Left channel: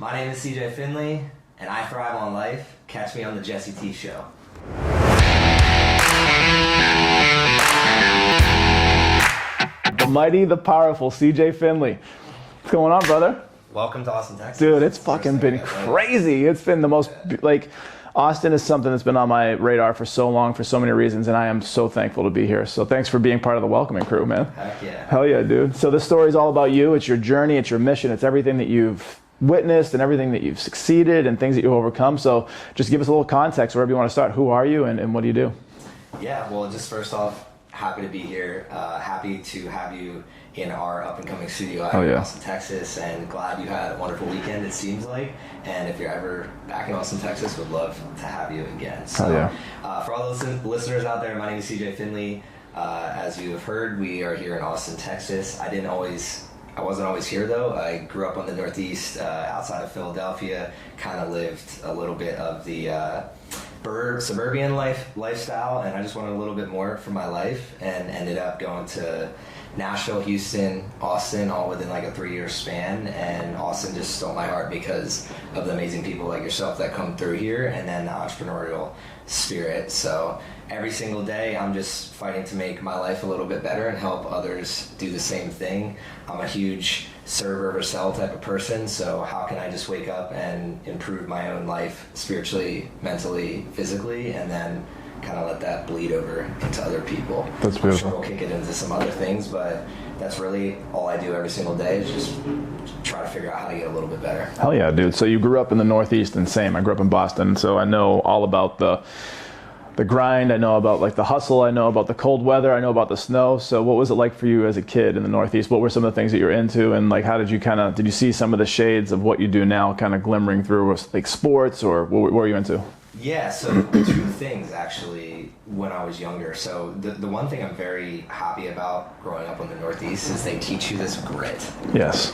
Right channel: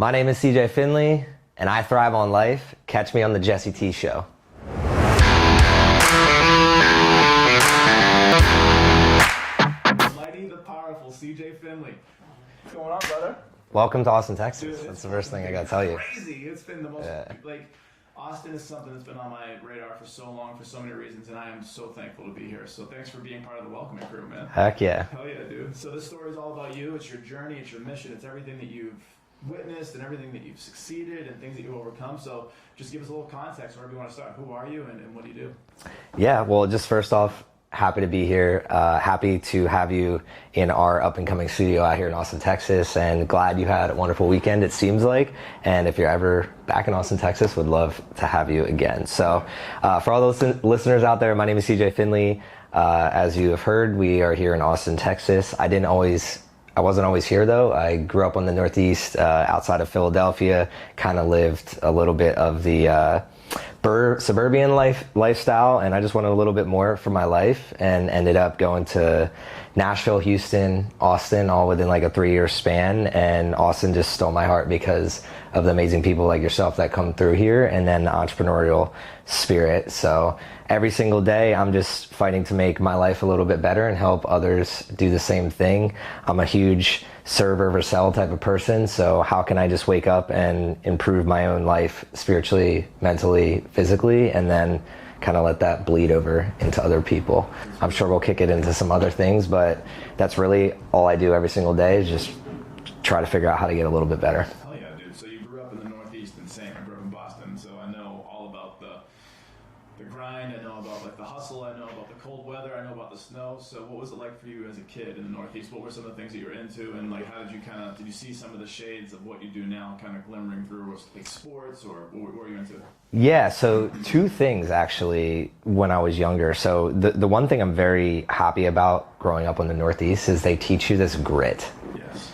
My name is CJ Finley, and I thrive on life. Catch me on the Jesse T Show. Mighty the powerful CJ Finley. What's going on, brother? Welcome to Austin, Texas. Dude, it's fucking been crazy. It's been the most, Austin is something that's been on my radar for so long, for so many reasons, and I am so thankful to be here. So thanks for being part of the welcoming crew, man. Heck yeah. Hell yeah, dude. So this story is all about you. It's your journey. It's your mission. It's everything that you've witnessed and everything that you've succeeded and things that you've overcome. So just give us a little context wherever you want to start. Who are you and what do you do? Yeah, well, just first off, happy to be here. Happy to have you in our up-and-coming studio out here in Austin, Texas, and glad you had a wonderful weekend, it seems like. And if you're ever back in Austin, Texas, would love to have you again. So for all those listeners out there, my name is CJ Finley. As you have heard, we are here in Austin, Texas. I wasn't always here, though. I grew up on the Northeast, outside of Philadelphia, kind of lived a little bit of the suburban lifestyle, and I just wanted a little bit more for my life, and ended up going to Nashville, Houston, Austin, all within like a 3-year span. And Austin just stole my heart because of the amazing people like yourself that come through here, and then the entrepreneurial spirit. So every single day I'm just fighting to make my life a little bit better and help others do the same thing. I'm a huge serve over sell type of person, so how can I just wake up and improve my own life spiritually, mentally, physically, and then kind of let that bleed over into other people. I'm sure we'll kick it into some other things, but that's really all I do every single day, is just try to figure out how to get a little bit better. Hell yeah, dude. So you grew up in the Northeast, and same, I grew up in Boston, so I know all about the grind. I know about like the hustle. I know about the cold weather. I know about the snow. So what was it like for you as a kid in the Northeast? What were some of the things that you're into, and like how did you see some of the shades of what you do now kind of glimmering through, like sports, or what were you into? Yeah, so two things actually when I was younger. So the one thing I'm very happy about growing up in the Northeast is they teach you this grit. Yes.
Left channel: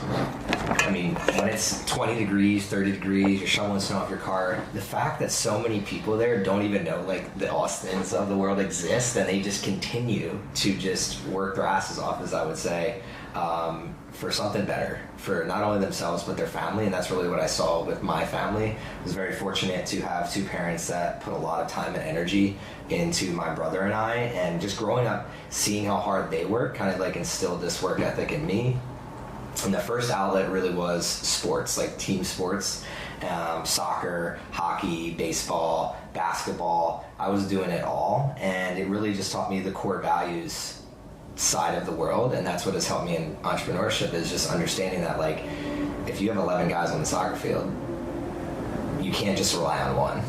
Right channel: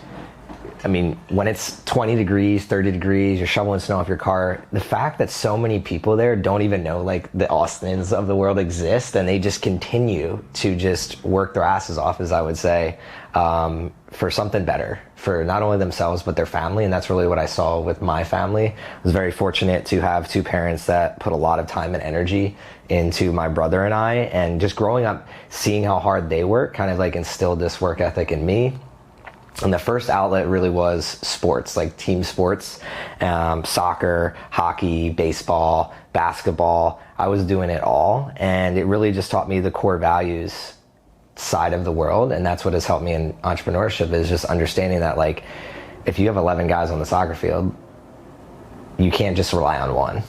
I mean, when it's 20 degrees, 30 degrees, you're shoveling snow off your car, the fact that so many people there don't even know like the Austins of the world exist, and they just continue to just work their asses off, as I would say, for something better for not only themselves but their family. And that's really what I saw with my family. I was very fortunate to have two parents that put a lot of time and energy into my brother and I, and just growing up seeing how hard they work kind of like instilled this work ethic in me. And the first outlet really was sports, like team sports, soccer, hockey, baseball, basketball. I was doing it all, and it really just taught me the core values side of the world. And that's what has helped me in entrepreneurship, is just understanding that like if you have 11 guys on the soccer field, you can't just rely on one.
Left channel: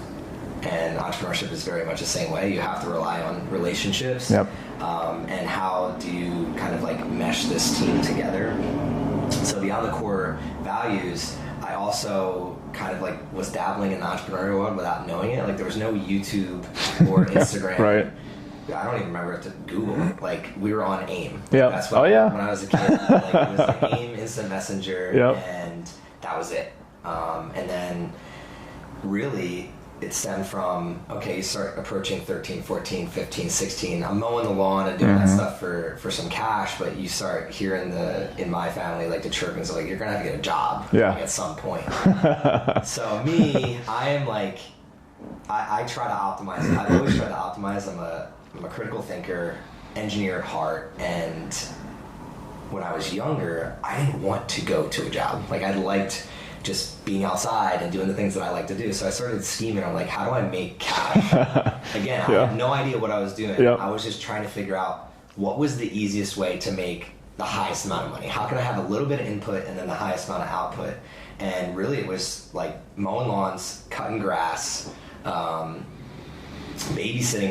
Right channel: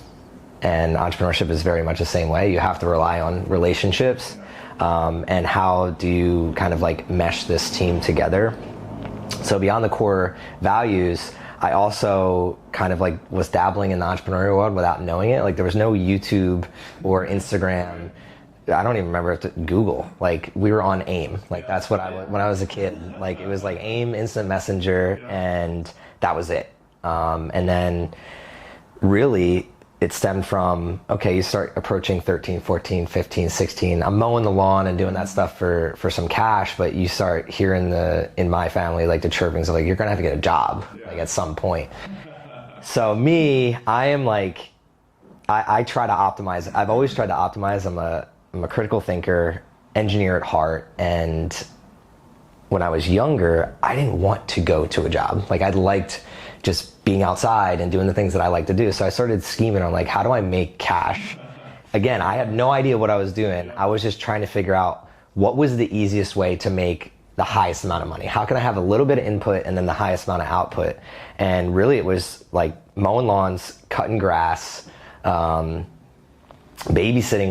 And entrepreneurship is very much the same way. You have to rely on relationships. And how do you kind of like mesh this team together. So beyond the core values, I also kind of like was dabbling in the entrepreneurial world without knowing it. Like there was no YouTube or Instagram. Right. I don't even remember Google. Like we were on AIM. Like, that's what when I was a kid. Like it was like AIM, Instant Messenger, and that was it. And then really it stemmed from, okay, you start approaching 13, 14, 15, 16. I'm mowing the lawn and doing that stuff for some cash, but you start hearing in my family, like the chirpings of like, you're gonna have to get a job like, at some point. So me, I am like, I try to optimize. I've always tried to optimize. I'm a critical thinker, engineer at heart, and when I was younger, I didn't want to go to a job. Like I liked just being outside and doing the things that I like to do. So I started scheming on like, how do I make cash? Again, I had no idea what I was doing. I was just trying to figure out what was the easiest way to make the highest amount of money. How can I have a little bit of input and then the highest amount of output? And really it was like mowing lawns, cutting grass, babysitting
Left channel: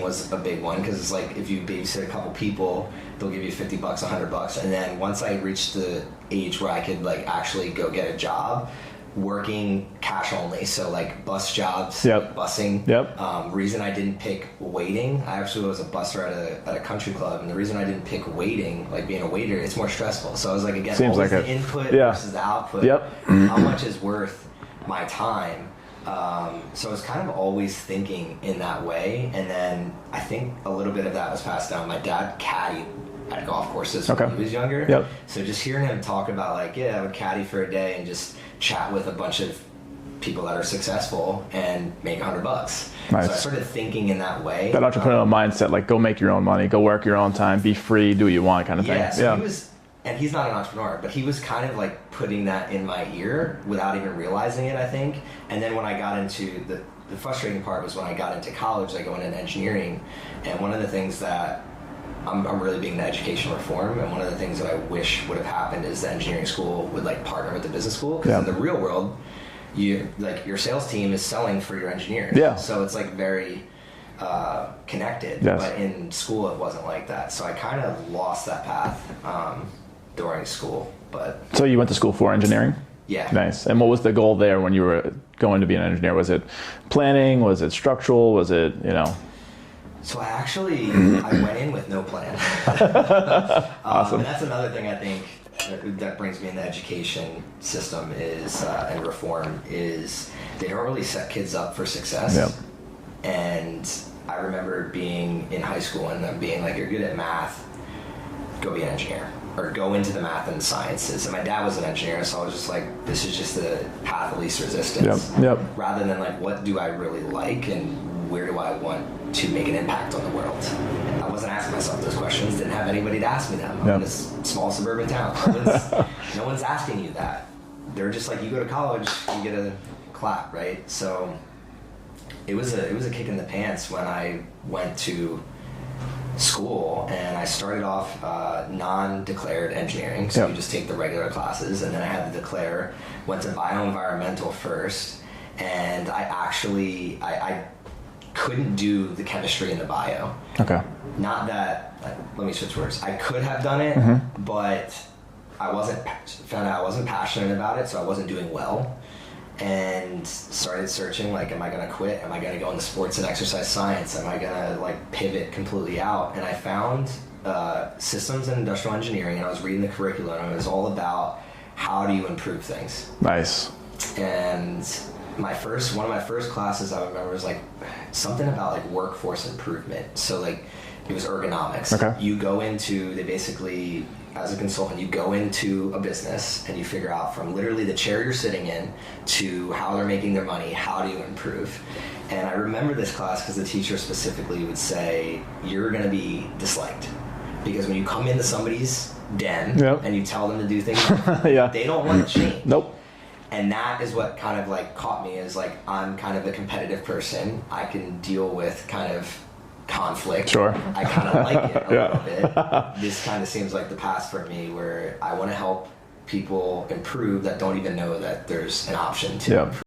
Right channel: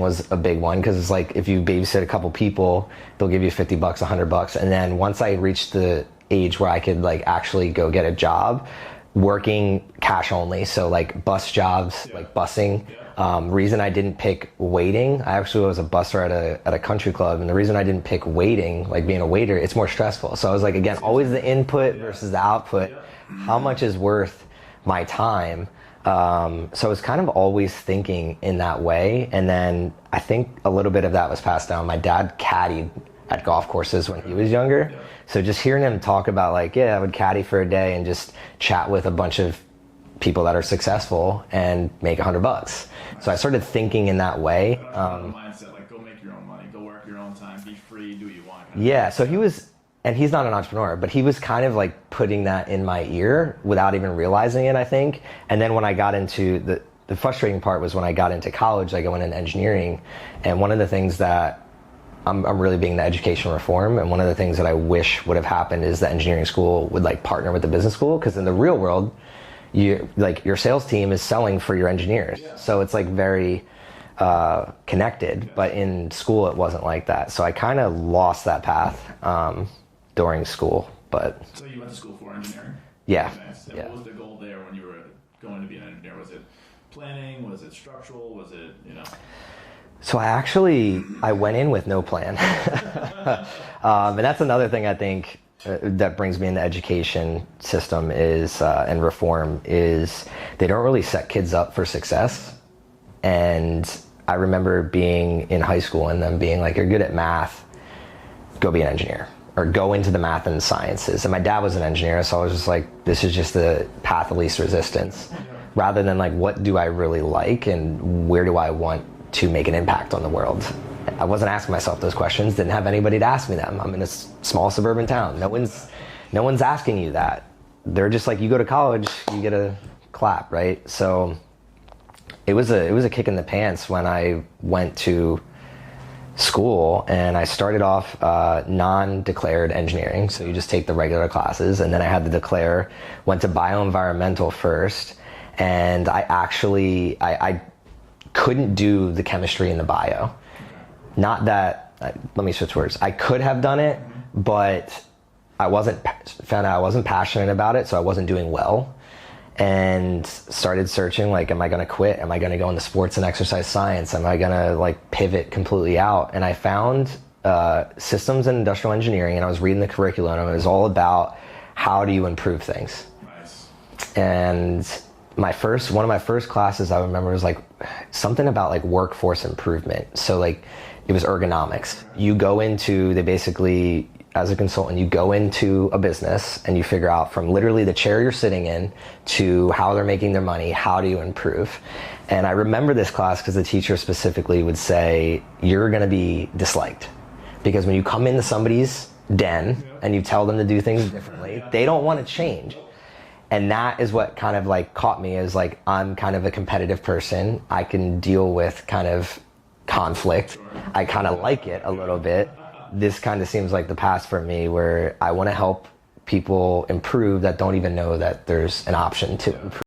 was a big one, because it's like if you babysit a couple people, they'll give you $50, $100. And then once I reached the age where I could like actually go get a job, working cash only, so like bus jobs, like busing. Reason I didn't pick waiting, I actually was a busser at a country club, and the reason I didn't pick waiting, like being a waiter, it's more stressful. So I was like, again, always like the input versus the output. How much is worth my time? So I was kind of always thinking in that way. And then I think a little bit of that was passed down. My dad caddied at golf courses when he was younger. So just hearing him talk about like, I would caddy for a day and just chat with a bunch of people that are successful and make $100. Nice. So I started thinking in that way. That entrepreneurial mindset, like go make your own money, go work your own time, be free, do what you want kind of yeah, thing. so he was, and he's not an entrepreneur, but he was kind of like putting that in my ear without even realizing it, I think. And then when I got into the frustrating part was when I got into college, like I went into engineering, and one of the things that I'm really being the educational reform, and one of the things that I wish would have happened is the engineering school would like partner with the business school, because in the real world, you like your sales team is selling for your engineers. Yeah. So it's like very connected, but in school it wasn't like that. So I kind of lost that path during school. But so you went to school for engineering? Yeah. Nice. And what was the goal there when you were going to be an engineer? Was it planning? Was it structural? Was it, you know? So I went in with no plan. Awesome. And that's another thing I think that brings me in the education system is, and reform, is they don't really set kids up for success. Yeah. And I remember being in high school and them being like, you're good at math, go be an engineer, or go into the math and sciences. And my dad was an engineer, so I was just like, this is just the path of least resistance. Yep. Rather than like, what do I really like and where do I want to make an impact on the world? I wasn't asking myself those questions, didn't have anybody to ask me them. I'm in a small suburban town. No one's asking you that. They're just like, you go to college, you get a clap, right? So it was a kick in the pants when I went to school, and I started off non-declared engineering, so you just take the regular classes, and then I had to declare, went to bioenvironmental first, and I couldn't do the chemistry and the bio. Okay. Not that, let me switch words. I could have done it, but found out I wasn't passionate about it, so I wasn't doing well. And started searching, like, am I gonna quit? Am I gonna go into sports and exercise science? Am I gonna like pivot completely out? And I found systems and industrial engineering, and I was reading the curriculum, and it was all about how do you improve things. Nice. And one of my first classes I remember was like something about like workforce improvement. So like it was ergonomics. Okay. You go into, they basically, as a consultant, you go into a business and you figure out from literally the chair you're sitting in to how they're making their money, how do you improve? And I remember this class because the teacher specifically would say, you're gonna be disliked. Because when you come into somebody's den and you tell them to do things, they don't want to change. Nope. And that is what kind of like caught me, is like, I'm kind of a competitive person. I can deal with kind of conflict. Sure. I kind of like it a little bit. This kind of seems like the path for me, where I want to help people improve that don't even know that there's an option to improve.